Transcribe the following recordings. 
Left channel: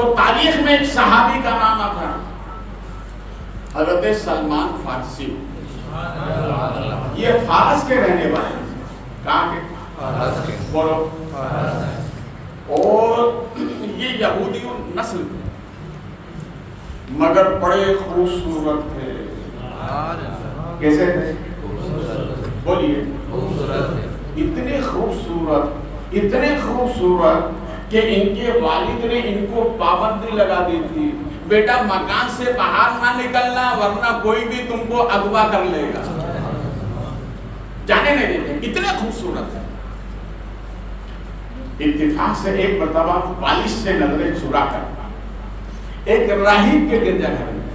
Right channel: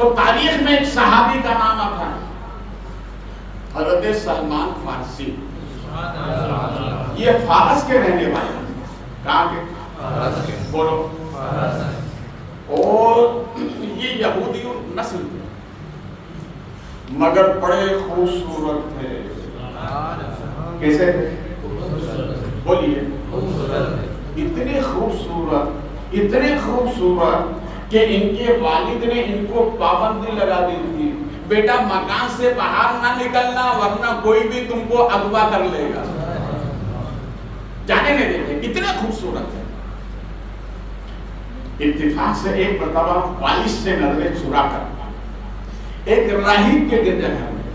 تو تاریخ میں ایک صحابی کا نام آتا ہے حضرت سلمان فارسی. یہ فارس کے رہنے والے ہیں. کہاں کے؟ بولو. اور یہ یہودی نسل تھے مگر بڑے خوبصورت تھے. کیسے تھے؟ بولیے. اتنے خوبصورت کہ ان کے والد نے ان کو پابندی لگا دی تھی بیٹا مکان سے باہر نہ نکلنا ورنہ کوئی بھی تم کو اغوا کر لے گا. جانے نہیں دیتے. اتنے خوبصورت ہے. اتفاق سے ایک مرتبہ والد سے نظریں چرا کر ایک راہب کے گرجا گھر میں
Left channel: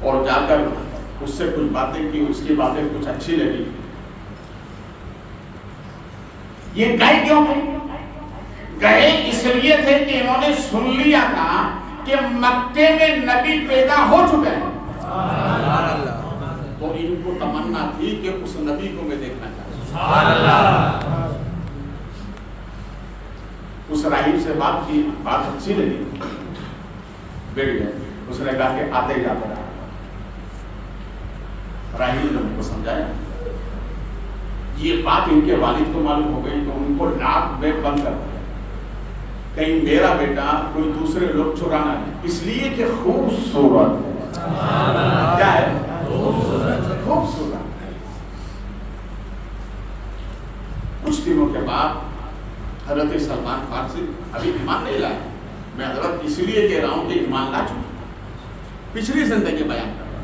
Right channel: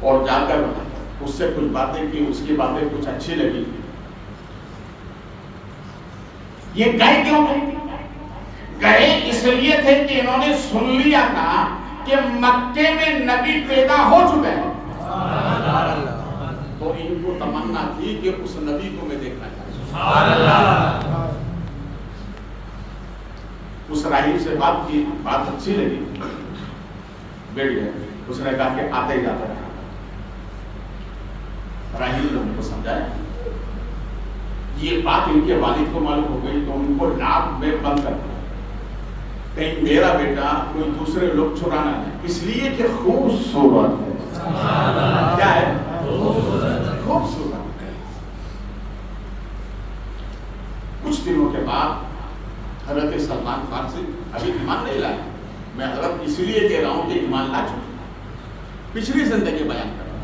اور جا کر اس سے کچھ باتیں کی. اس کی باتیں کچھ اچھی لگی. یہ گئے کیوں تھے؟ گئے اس لیے تھے کہ انہوں نے سن لیا تھا کہ مکے میں نبی پیدا ہو چکے ہیں. تو ان کو تمنا تھی کہ اس نبی کو میں دیکھنا چاہتا ہوں. اس راہب سے بات کی. بات اچھی لگی. بیٹھ گئے. اس نے کہا کہ آتے ہی جاتا رہا. راہب نے ان کو سمجھایا. یہ بات ان کے والد کو معلوم ہو گئی تو ان کو ناک میں بند کر دیا. کہیں میرا بیٹا کوئی دوسرے لوگ چرانا نہیں. اس لیے کہ خوبصورت کیا ہے؟ خوبصورت. کچھ دنوں کے بعد حضرت سلمان فارسی ابھی ایمان نہیں لائے. میں حضرت اس لیے کہہ رہا ہوں کہ ایمان لا چکے. پچھلی زندگی بیان کر رہا ہوں.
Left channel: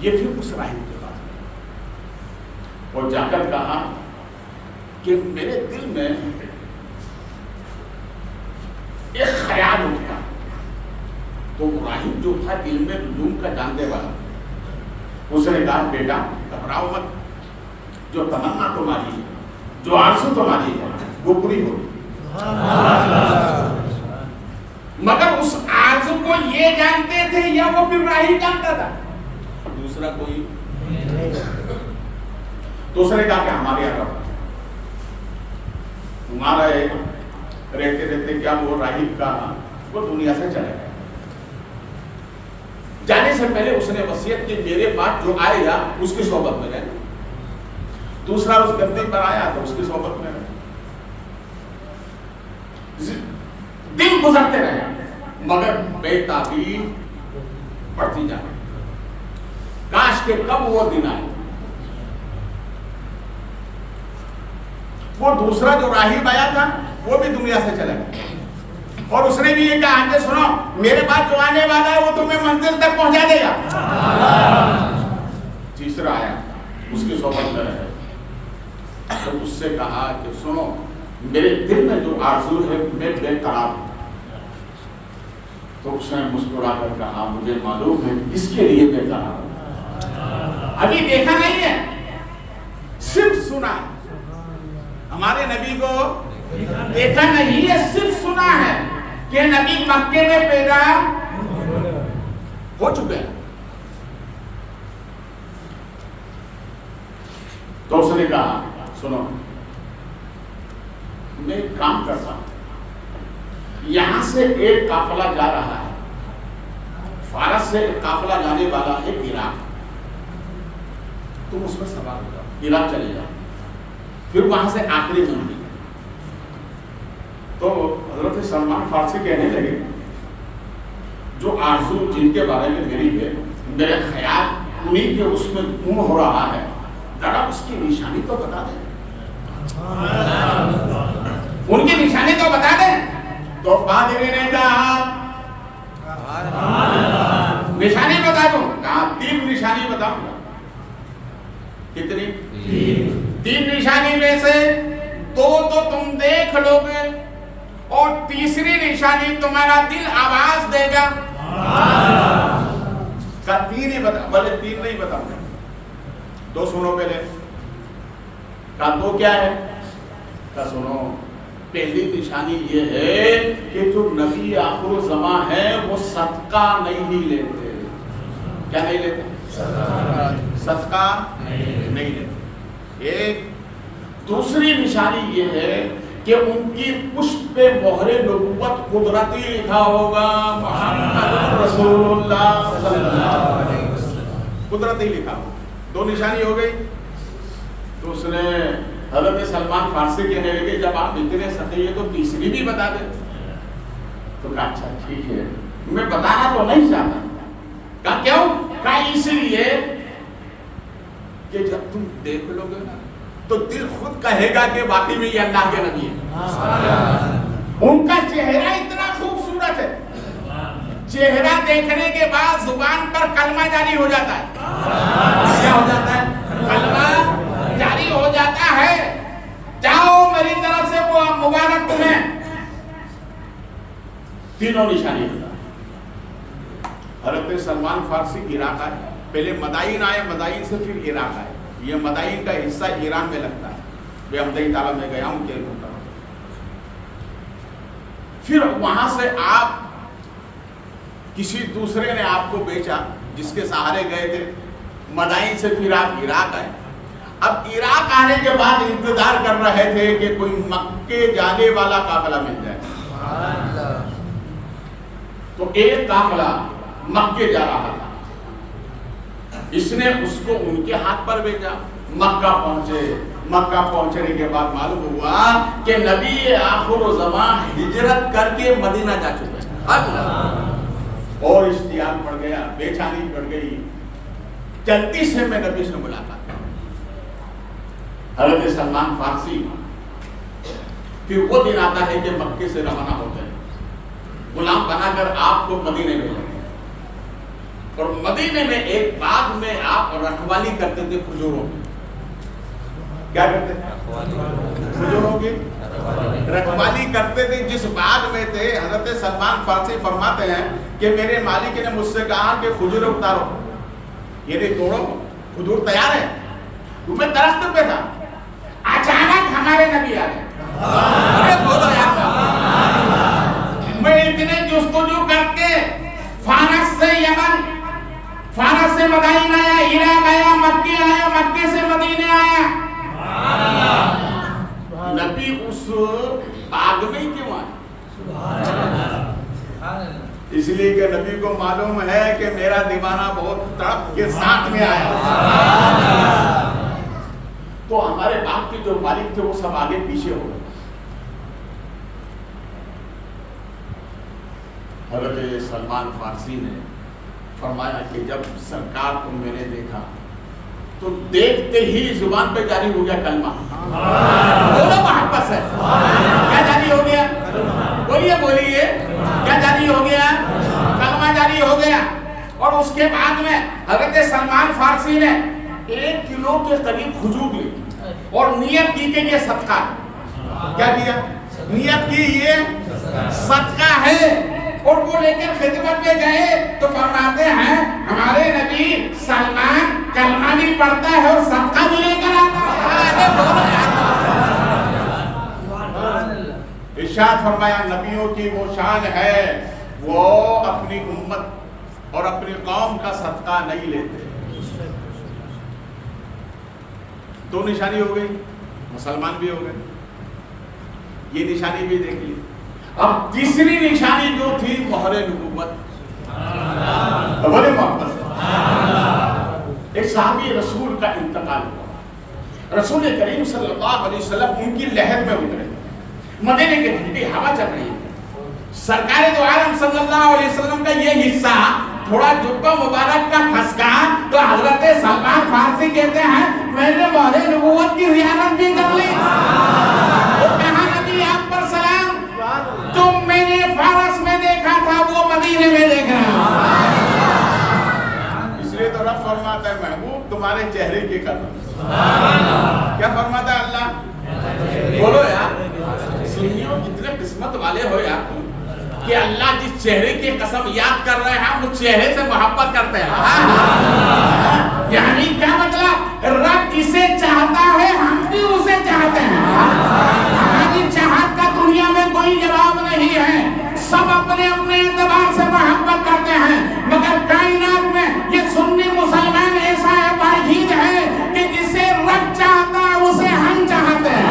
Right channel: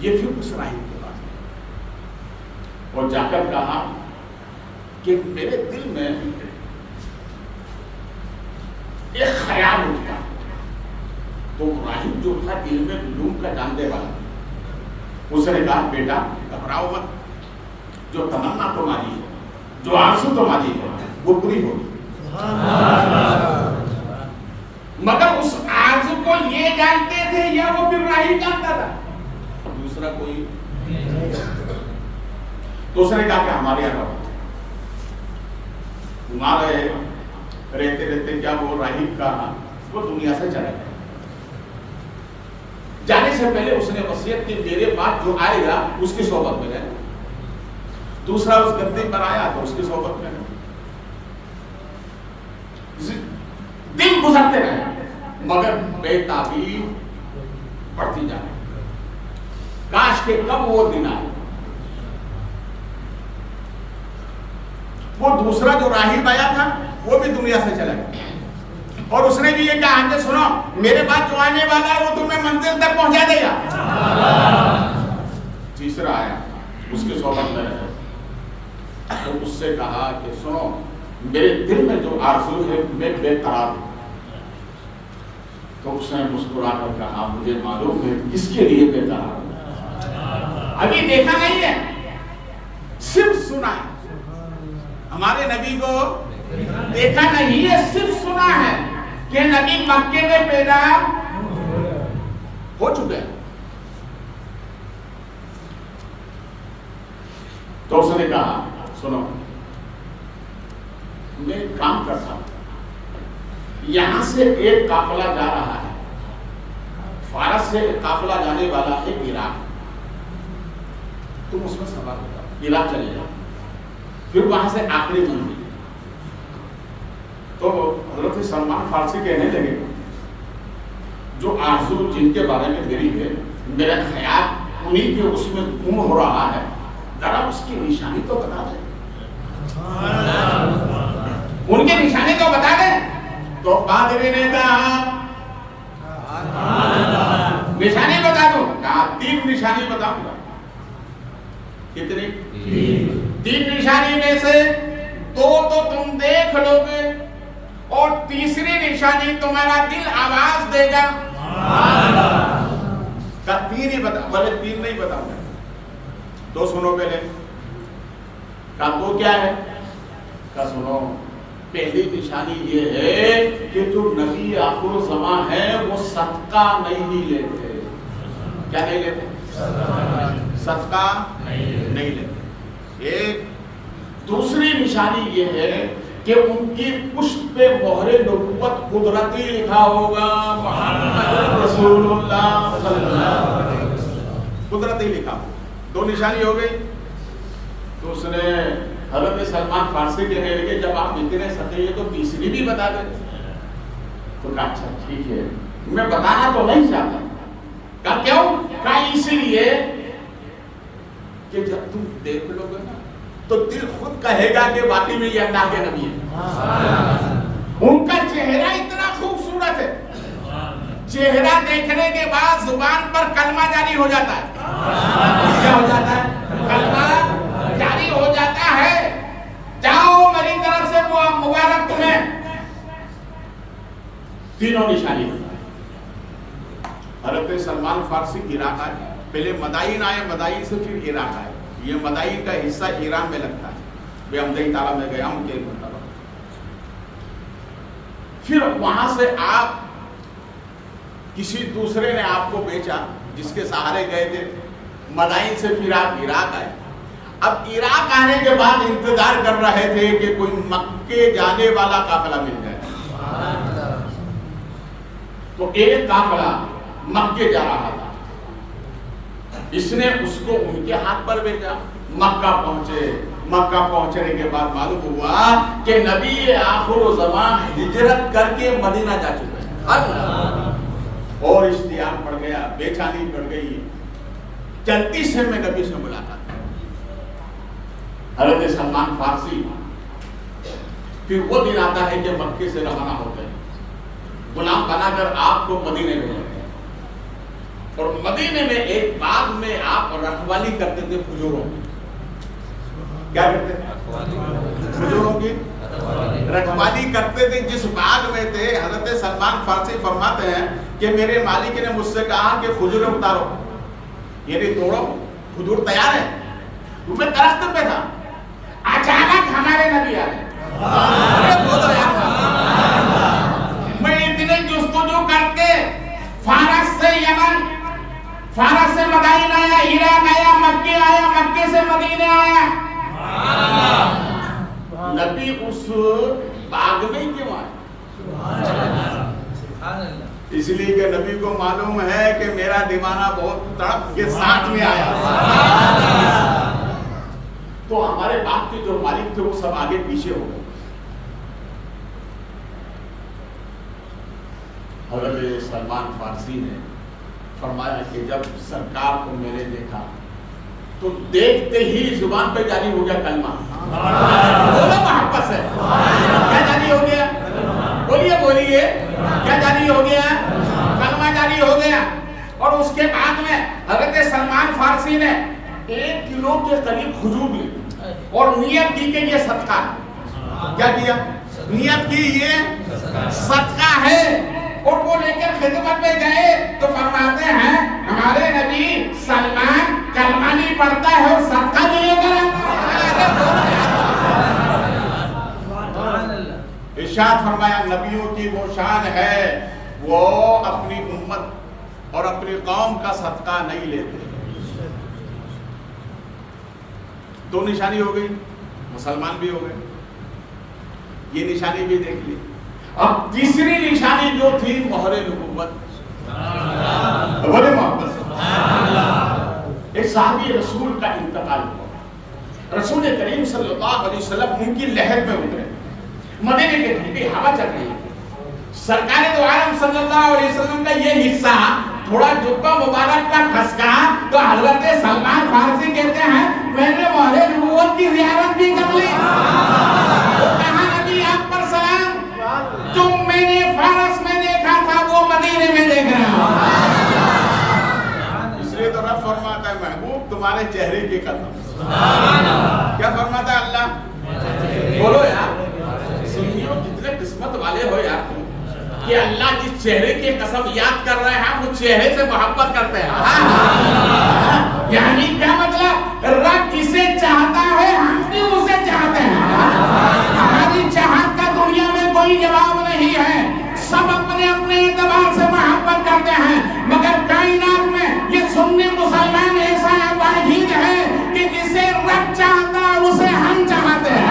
یہ پھر اس راہب کے پاس گئے اور جا کر کہا کہ میرے دل میں ایک خیال اٹھا. تو راہب جو تھا علم نجوم کا جاننے والا اس نے کہا بیٹا گھبراؤ مت. جو تمنا تمہاری ہے جو آرزو تمہاری ہے وہ پوری ہوگی. مگر اس آرزو کو یہ جانتے تھے یا وہ پھر راہب جانتا تھا؟ دوسرا کوئی. تو اس نے کہا کہ ہمارے یہاں رہو. تمہارا رہتے رہتے کیا وہ راہب کا وہ دنیا سے چلا گیا. جانے سے پہلے اس نے وصیت کی میرے بعد جو آئے گا اس کی صحبت میں رہنا. دوسرا اس گدے پر آیا تو اس کی صحبت میں رہنا. دن گزرتے رہے مگر بے تعبیر بڑھتی جا رہی. کاش کہ کب وہ دن آئے. وہ دوسرا جو راہب آیا تھا وہ بھی دنیا سے چلا گیا اور اس نے بھی یہ کہا کہ سنو میرے بعد جو آنے والا ہے وہ تمہیں منزل تک پہنچا دے گا. تیسرا آیا اس کی صحبت میں رہے تو اس سے کہا کہ سنو میرے دل میں جو آرزو ہے میں بے قرار ہوں. تو اس نے مسکرا کر کہا مجھے معلوم ہے کس کے لیے بے قرار ہوں. ابھی دیکھا نہیں ہے صرف سنا ہے. ہمارے نبی کو دیکھا نہیں ہے صرف سنا ہے کہ نبی مکے میں پیدا ہو چکے ہیں. تو اس نے کہا سنو میں ایک کام کرتا ہوں. یہاں سے ایک قافلہ جا رہا ہے. فارس سے قافلہ جانے والا ہے عراق. تم اس میں سوار ہو جاؤ عراق چلے جاؤ. پھر وہاں سے آخری منزل. تو حضرت سلمان فارسی کہنے لگے جو آرزو جن کے بارے میں میری ہے میرا خیال انہیں کے اس میں گم ہو رہا ہے ذرا اس کی نشانی تو بتا دیں. ان کی نشانی تو بتا دیں. تو پادری نے کہا نشانی بتا دو. کہا 3 نشانی بتاؤں گا. کتنی؟ 3 نشانی میں سے 2 تو تم دیکھ لو گے اور تیسری نشانی تمہارا دل آواز دے گا. کہا 3 ہی بتا. بولے 3 نہیں بتاؤں گا. 2 سنو پہلے. کہا 2 کیا ہے؟ کہا سنو پہلی نشانی یہ ہے کہ جو نبی آخر زمان ہے وہ صدقہ نہیں لیتے. کیا نہیں لیتے؟ صدقہ نہیں لیتے. ایک دوسری نشانی یہ ہے کہ ان کی پشت پہ مہر نبوت قدرتی لکھا ہوگا، محمد رسول اللہ صلی اللہ علیہ وسلم، قدرتی لکھا ہوگا. دو نشانی ہو گئی. تو اس نے حضرت سلمان فارسی کہنے لگے جب آپ اتنے سخی ہیں تو تیسری بھی بتا دیں. تو کہا اچھا ٹھیک ہے، میں بتانا تو نہیں چاہتا. کہا کیوں؟ کہا اس لیے کہ جب تم دیکھ لو گے نا تو دل خود کہے گا کہ واقعی میں یہ اللہ کے نبی ہے. ان کا چہرہ اتنا خوبصورت ہے، چہرہ دیکھنے کے بعد زبان پر کلمہ جاری ہو جاتا ہے. کیا ہو جاتا ہے؟ کلمہ جاری ہو جاتا ہے. جاؤ میری طرف سے وہ مبارک تمہیں. تینوں نشانی ہوتا ہے. حضرت سلمان فارسی عراق آئے، پہلے مدائن آئے، مدائن سے پھر عراق آئے. یہ مدائن کا حصہ ایران میں لگتا ہے. میں امدئی تعالیٰ میں گیا ہوں، کیا بتا رہا ہوں. پھر وہاں سے آپ کسی دوسرے نے آپ کو بیچا جس کے سہارے گئے تھے. مدائن سے پھر آپ عراق آئے. اب عراق آنے کے بعد انتظار کر رہے تھے کہ کوئی مکے جانے والا قافلہ مل جائے. تو ایک قافلہ مکے جا رہا تھا. اس نے اس کو ان کے ہاتھ پر بیچا. مکہ پہنچے. مکہ پہنچنے کے بعد معلوم ہوا کہ نبی آخر الزمان ہجرت کر کے مدینہ جا چکے ہیں. اور اشتیاق پڑ گیا، بے چینی پڑ گئی. چلتی سے میں نبی سے ملاقات کی. حضرت سلمان فارسی پھر وہ دن آتا ہے کہ مکے سے روانہ ہوتے ہیں. غلام بنا کر آپ کو مدینے بھیجا گیا. اور مدینے میں ایک باغ میں آپ رکھوالی کرتے تھے کھجوروں کی. کیا کرتے تھے؟ کھجوروں کی رکھوالی کرتے تھے. جس باغ میں تھے، حضرت سلمان فارسی فرماتے ہیں کہ میرے مالک نے مجھ سے کہا کہ کھجوریں اتارو، یعنی توڑو، کھجور تیار ہے. میں درخت پہ تھا، اچانک ہمارے نبی آئے. میں اتنے جستجو کر کے فارس سے یمن، فارس سے مدائن آیا، عراق آیا، مکے آیا، مکے سے مدینے آیا. نبی اس باغ میں کیوں آئے؟ اس لیے کہ نبی کو معلوم ہے کہ میرا دیوانہ بہت تڑپ کے ساتھ میں آیا. تو ہمارے باغ کے جو مالک تھے وہ سب آگے پیچھے ہو گئے. حضرت سلمان فارسی نے فرمایا کہ جب سرکار کو میں نے دیکھا تو دیکھتے ہی زبان پہ جاری ہو گیا کلمہ. بولو محبت سے، کیا جاری ہو گیا؟ بولیے بولیے، کیا جاری ہو گیا؟ کلمہ جاری ہو گیا. اور اس کے بعد میں حضرت سلمان فارسی نے 1 کلو کے قریب کھجور لی اور نیت کی کہ یہ صدقہ ہے. کیا کیا؟ نیت کی یہ صدقہ ہے. اور وہ لے کر خدمت میں گئے تو فرماتے ہیں ہمارے نبی سلمان کلمہ نہیں پڑھتا ہے اور صدقہ بھی لے کر آتا ہے. ارشاد فرمایا نبیوں کی وہ شان ہے وہ اپنی امت اور اپنی قوم کا صدقہ نہیں لیتے. دو نشانی ہو گئی، مسلمان بھی ہو گئے. یہ نشانی بھی دیکھ لی. اب تیسری نشانی جو تھی مہر نبوت. بڑے محبت سے ایک صحابی رسول کا انتقال ہوا. رسول کریم صلی اللہ علیہ وسلم ان کی لہر میں اترے. مدینے کی ٹھنڈی ہوا چل رہی ہے. سرکار دو عالم صلی اللہ علیہ وسلم کا یہ حصہ تھوڑا جبہ مبارک کا کھسکا تو حضرت سلمان فارسی کہتے ہیں میں نے مہر نبوت کی زیارت بھی کر لی. وہ کہا نبی آپ پر سلام، تم میں نے فارس میں دیکھا تھا وہ مدینے میں دیکھ رہا ہوں. اس لیے تو رب فرماتا ہے محبوب تمہارے چہرے کی قسم. کیا فرماتا ہے اللہ؟ بولو یار، سنیو کتنے قسمت والے ہو یار کہ اللہ جس چہرے کی قسم یاد کر رہے ہیں اس چہرے سے محبت کرتے ہیں. یعنی کیا مطلب؟ رب جسے چاہتا ہے ہم بھی اسے چاہتے ہیں. ہماری چاہت کا دنیا میں کوئی جواب نہیں ہے. سب اپنے اپنے اعتبار سے محبت کرتے ہیں، مگر کائنات میں یہ سنی مسلمان ایسا واحد ہے کہ جسے رب چاہتا ہے اسے ہم چاہتے ہیں.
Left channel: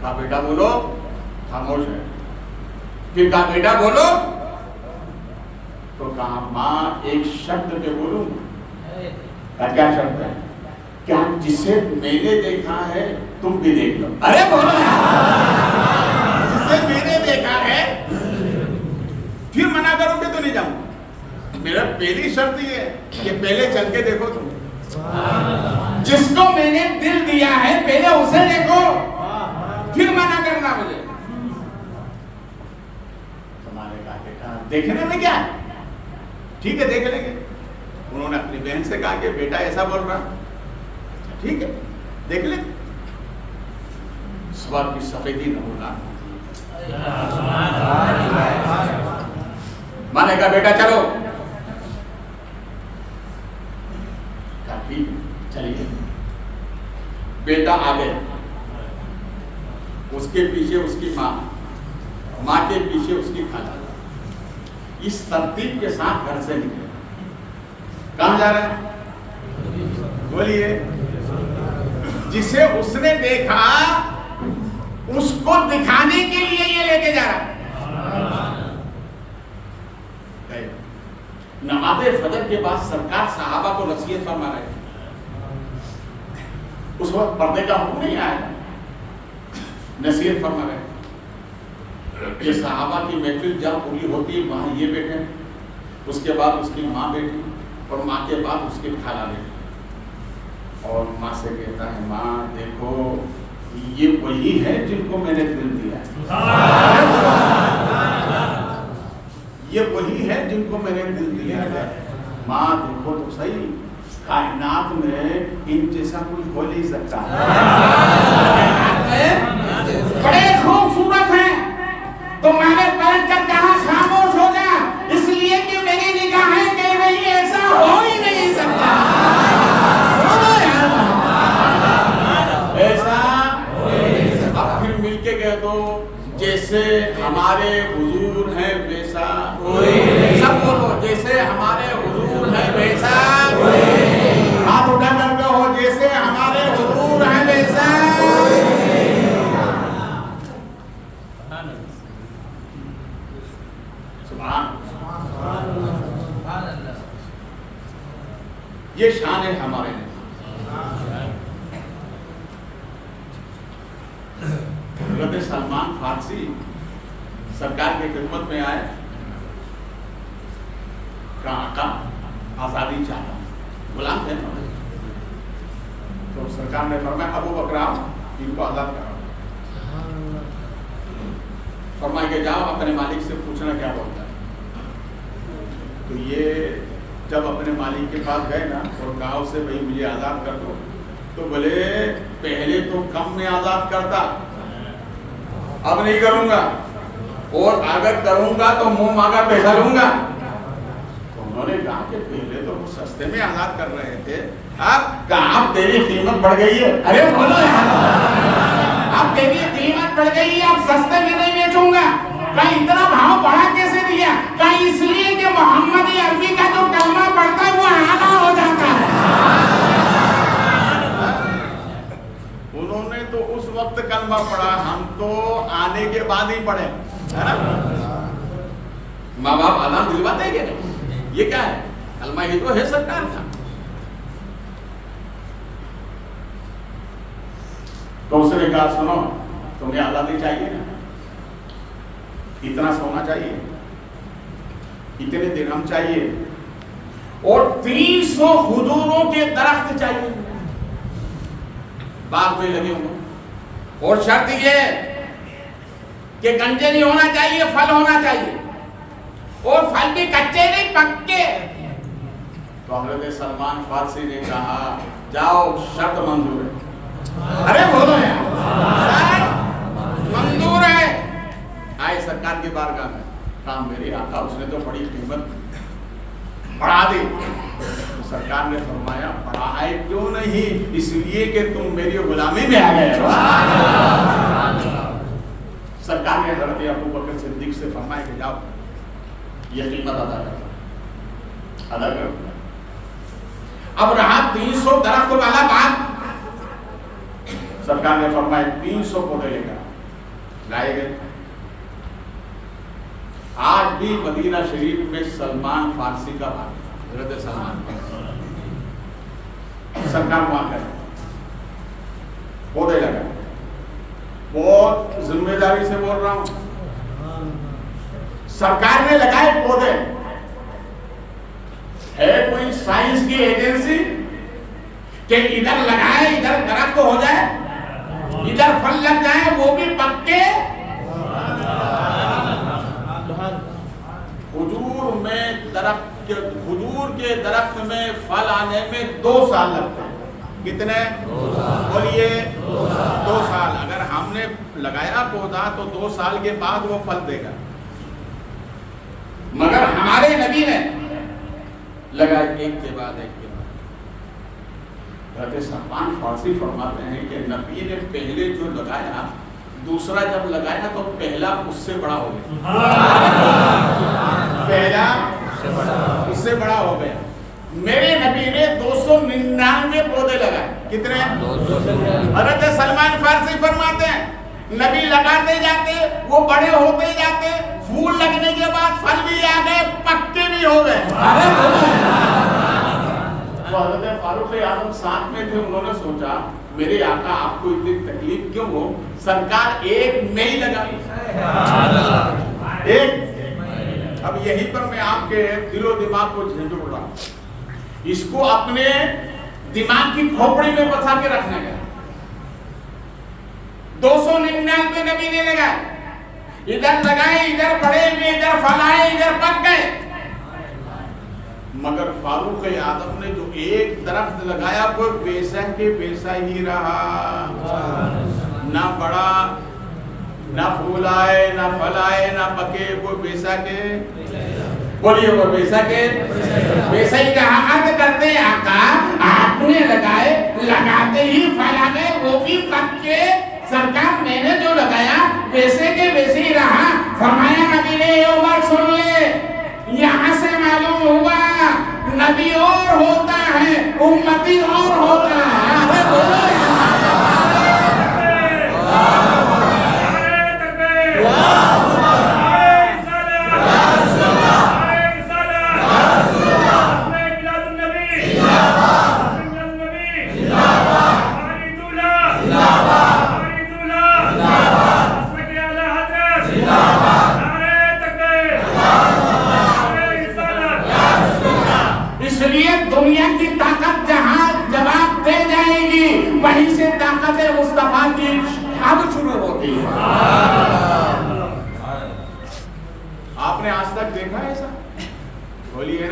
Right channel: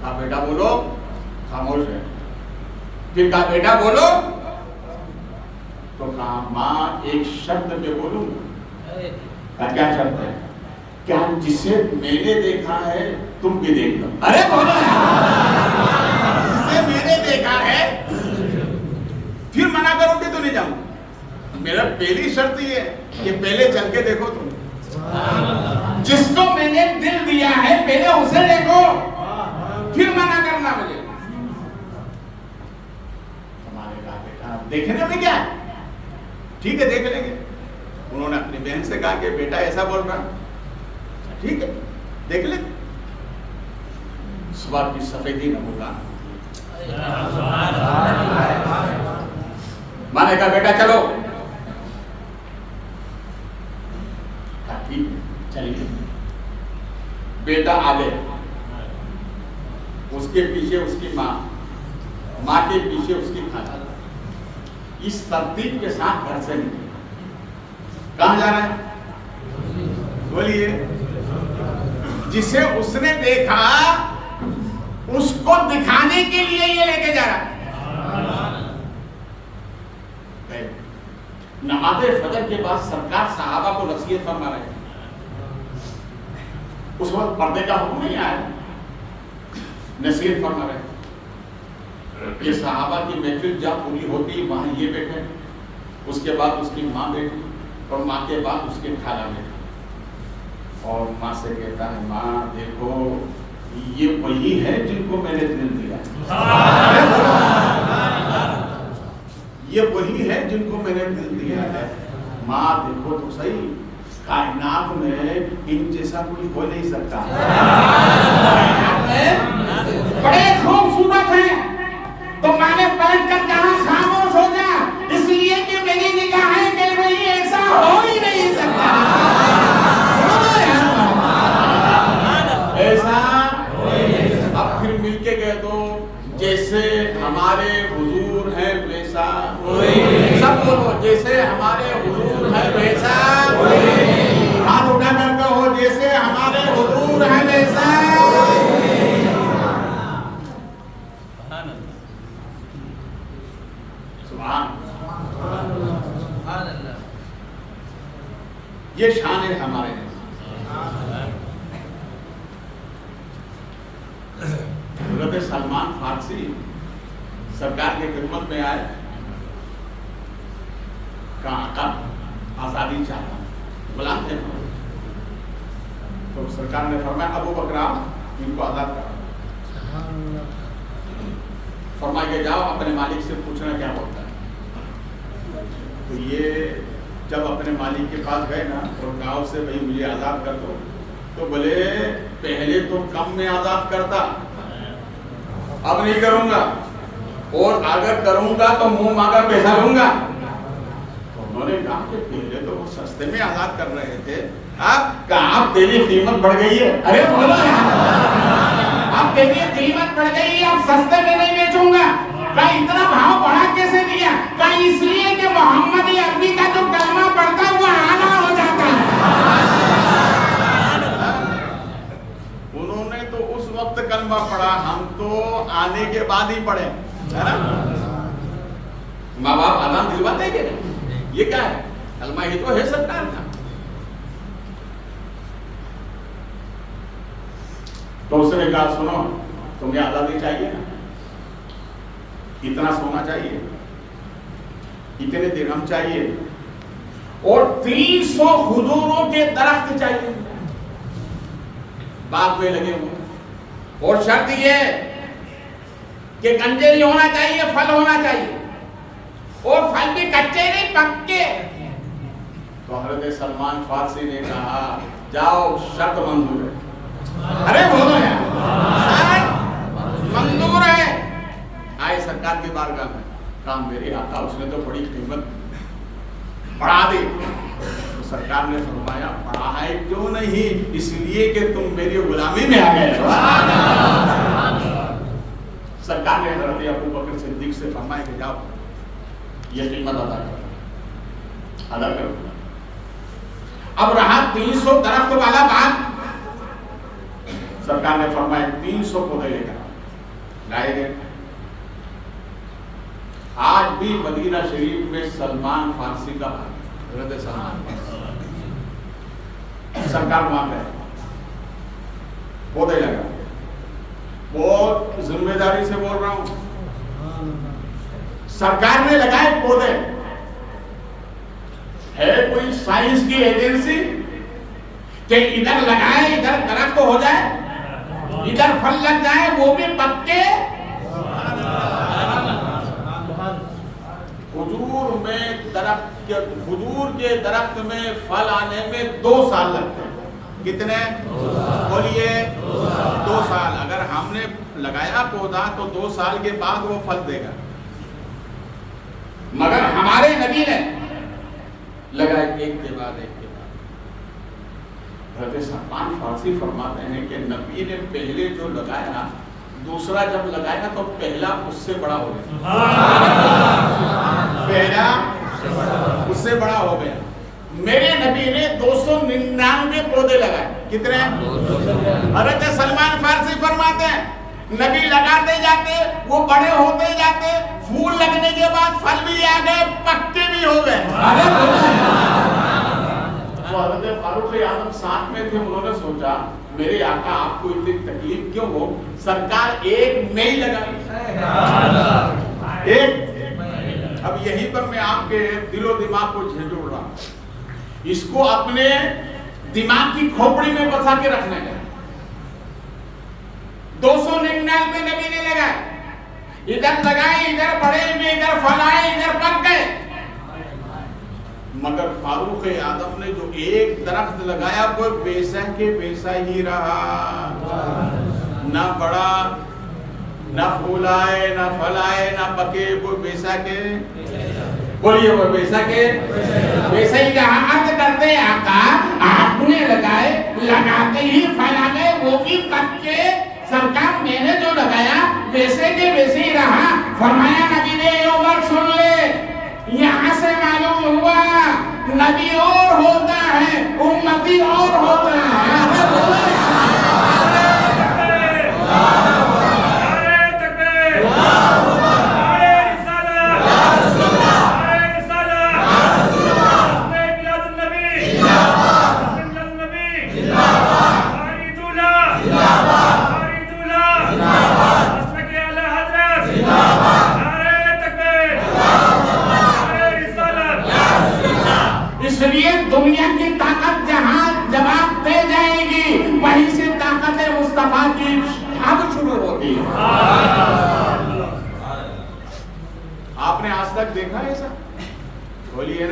کہا بیٹا بولو, خاموش ہے. پھر کہا بیٹا بولو, تو کہا ماں ایک شرط پہ بولوں. کیا شرط ہے؟ کیا جسے میں نے دیکھا ہے تم بھی دیکھ لو. ارے بولو جسے میں نے دیکھا ہے, پھر منع کرو گے تو نہیں جاؤں. میرا پہلی شرط یہ ہے کہ پہلے چل کے دیکھو تم. جس کو میں نے دل دیا ہے پہلے اسے دیکھو, پھر منع کرنا مجھے. تمہارے کہا بیٹا دیکھنے میں کیا ہے, ٹھیک ہے دیکھ لیں گے. انہوں نے اپنی بہن سے کہا کہ بیٹا ایسا بول رہا, ٹھیک ہے دیکھ لیں. صبح کی سفیدی نہ ہوگا. ماں نے کہا بیٹا چلو. چلیے. بیٹا آگے, اس کے پیچھے اس کی ماں, ماں کے پیچھے اس کی خالہ. اس ترتیب کے ساتھ گھر سے نکلے. کہاں جا رہے ہیں بولیے؟ جسے اس نے دیکھا اس کو دکھانے کے لیے یہ لے کے جا رہا ہے. نماز فجر کے بعد سرکار صحابہ کو نصیحت فرما رہے ہیں. اس وقت پردے کا حکم نہیں آیا, نصیحت فرما رہے ہیں کہ صحابہ کی محفل جب پوری ہوتی وہاں یہ بیٹھے, اس کے بعد اس کی ماں بیٹھی, اور ماں کے بعد اس کے خالہ بیٹھی. اور ماں سے کہتا ہے ماں دیکھو یہ وہی ہے جن کو میں نے دل دیا. یہ وہی ہے جن کو میں نے دل دیا ہے. ماں دیکھو تو صحیح, کائنات میں ان جیسا کوئی ہو نہیں سکتا. بڑے خوبصورت ہیں. تو میں نے پلٹ کر کہا خاموش ہو جا, اس لیے کہ میری نگاہیں کہہ رہی ایسا ہو ہی نہیں سکتا. ایسا اب پھر مل کے کہہ دو جیسے ہمارے حضور ہیں ویسا. سب بولو جیسے ہمارے حضور ہیں ویسا. ہاتھ اٹھا کر کہو جیسے ہمارے حضور ہیں ویسا. سبحان. یہ شان ہے ہمارے. حضرت سلمان فارسی سرکار کی خدمت میں آئے, کہا آقا آزادی چاہتا ہوں, غلام تھے نا. تو سرکار نے فرمایا ابو بکر آؤ ان کو آزاد کراؤ. فرمایا کہ جاؤ اپنے مالک سے پوچھنا کیا بولتا ہے. تو یہ جب اپنے مالک کے پاس گئے نا اور کہا اس سے بھائی مجھے آزاد کر دو, تو بولے پہلے تو کم میں آزاد کرتا, اب نہیں کروں گا, اور اگر کروں گا تو منہ مانگا پیسہ لوں گا. تو انہوں نے کہا کہ پہلے تو وہ سستے میں آزاد کر رہے تھے, اب تیری قیمت بڑھ گئی ہے. ارے بولو اب تیری قیمت بڑھ گئی ہے, اب سستے میں نہیں بیچوں گا. کہا اتنا بھاؤ بڑھا کیسے دیا؟ کہا اس لیے کہ محمدی عربی کا جو کلمہ پڑھتا ہے وہ اعلیٰ ہو جاتا ہے. انہوں نے تو اس وقت کلمہ پڑھا, ہم تو آنے کے بعد ہی پڑھے, ہے نا. ماں باپ آدم دلواتے ہیں کہ نہیں؟ یہ کیا ہے؟ کلمہ ہی تو ہے سرکار کا. تو اس نے کہا سنو تمہیں آزادی چاہیے نا, اتنا سونا چاہیے, اتنے درہم چاہیے, اور 300 کھجوروں کے درخت چاہیے باغ میں لگے ہوئے, اور شرط یہ کہ گنجے نہیں ہونا چاہیے, پھل ہونا چاہیے, اور پھل بھی کچے نہیں پکے. تو حضرت سلمان فارسی نے کہا جاؤ شرط منظور ہے. ارے بولو یار شرط منظور ہے. آئے سرکار کی بارگاہ میں, کہا میرے آقا اس نے تو بڑی قیمت بڑھا دی. تو سرکار نے فرمایا بڑھائے کیوں نہیں, اس لیے کہ تم میری غلامی میں آ گئے. سرکار نے حضرت ابو بکر صدیق سے فرمایا کہ جاؤ یہ قیمت ادا کرو, ادا کرو. اب رہا 300 درخت والا باغ. سرکار نے فرمایا 300 پودے لے کر لائے گئے. آج بھی مدینہ شریف میں سلمان فارسی کا بھائی حضرت سلمان فارسی سرکار وہاں گئے, پودے لگا. بہت ذمہ داری سے بول رہا ہوں, سرکار نے لگائے پودے. ہے کوئی سائنس کی ایجنسی کہ ادھر لگائے ادھر درخت ہو جائے, ادھر پھل لگ جائے وہ بھی پکے؟ کھجور کے درخت میں پھل آنے میں 2 سال لگتے ہیں. کتنے؟ بولیے 2 سال. اگر ہم نے لگایا پودا تو 2 سال کے بعد وہ پھل دے گا, مگر ہمارے نبی نے لگائے ایک کے بعد ایک کے بعد. حضرت سلمان فارسی فرماتے ہیں کہ نبی نے پہلے جو لگایا دوسرا جب لگایا تو پہلا اس سے بڑا ہو گیا. پہلا اس سے بڑا ہو گیا. میرے نبی نے 299 پودے لگائے. کتنے؟ حضرت سلمان فارسی فرماتے ہیں نبی لگاتے جاتے وہ بڑے ہوتے جاتے, پھول لگنے کے بعد پھل بھی آ گئے, پکے بھی ہو گئے. تو حضرت فاروق اعظم ساتھ میں تھے, انہوں نے سوچا میرے آقا آپ کو اتنی تکلیف کیوں ہو, سرکار ایک میں ہی لگائی ایک. اب یہی پر میں آپ کے دل و دماغ کو جھنجھوڑ رہا ہوں, اس کو اپنے دماغ کی کھوپڑی میں بسا کے رکھنے کا. 299 نبی نے لگائے, ادھر لگائے ادھر بڑے میں, ادھر پھل آئے ادھر پک گئے. مگر فاروق اعظم نے جو ایک درخت لگایا وہ ویسا کے ویسا ہی رہا, نہ بڑا, نہ پھول آئے, نہ پھل آئے, نہ پکے, وہ ویسا کے بولیے وہ ویسا کے ویسا ہی رہا. عرض کرتے ہیں آقا آپ نے لگائے, لگاتے ہی پھل آ گئے وہ بھی پکے, سرکار میں نے جو لگایا ویسے کے ویسے ہی رہا. فرمایا نبی نے عمر سن لے, یہاں سے معلوم ہوا نبی اور ہوتا ہے امتی اور ہوتا ہے. ارے بولو دنیا کی طاقت جہاں جواب دے جائے گی وہیں سے طاقت مصطفیٰ کی اب شروع ہوتی ہے. آپ نے آج تک دیکھا ایسا؟ بولیے.